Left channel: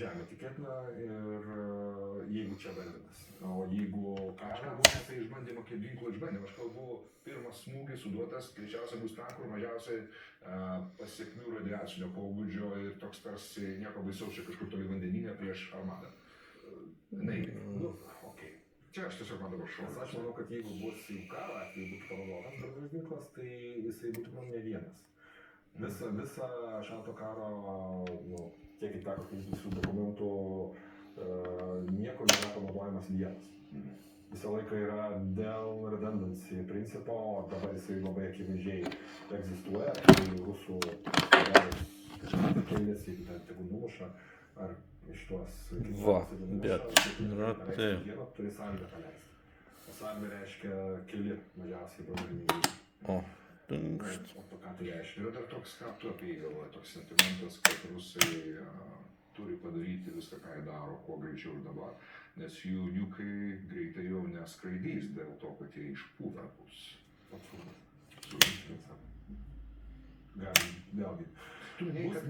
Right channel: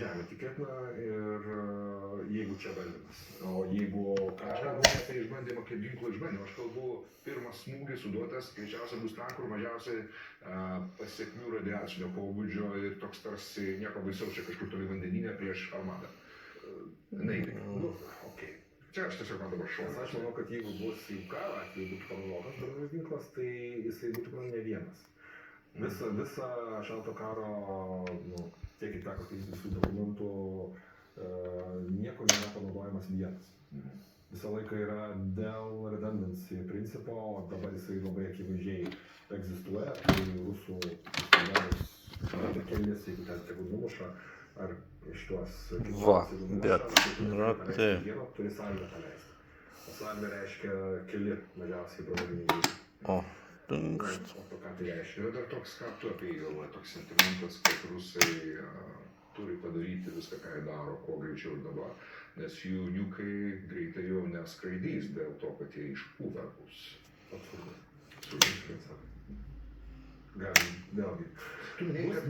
žemė tikėtina ir jeigu čia bandymas. O jeigu Aš kalbu apie išbandymą kaip ginklo išbandymą. Aš kalbu, pirmas smūgis suduotas, greičiausiai bus ten, kur mažiausiai pasiekmių radiacinio pobūdžio ir toks tarsi nieko baisaus čia kažkur toli vandenyne prieš armadą. Nu, okei. Čia aš tiesiog man dabar šokas. Aš manau, kad jeigu bus jau karo atveju būtų panaudotas branduolinis ginklas, tai jisai būtų man ne vienas. Visą šalto karo, tiek ir teko skaityti visų dokumentų, niekur nėra panaudojimas vienas. Visą laiką yra dėl redundancy principo, o dabar jisai labai akivaizdžiai egzistuoja, tai rusų kelias, jeigu ten tegul numuša, ar šitos turi salvę paleisti. O salvė reiškia keli mažiausiai branduoliniai ginklai. O to ką tai reiškia? Yra dar toks, ką tu apie jį galvoji, toks sentimentas, kad rusai turi padaryti viską, ką jie daro, kuo greičiau ir dabar. Nes jų niukai greitai jau neskraidys dėl to, kad jie išpūvę bus. Absurdas. Galim, vėlgi. Tu minėjai, kad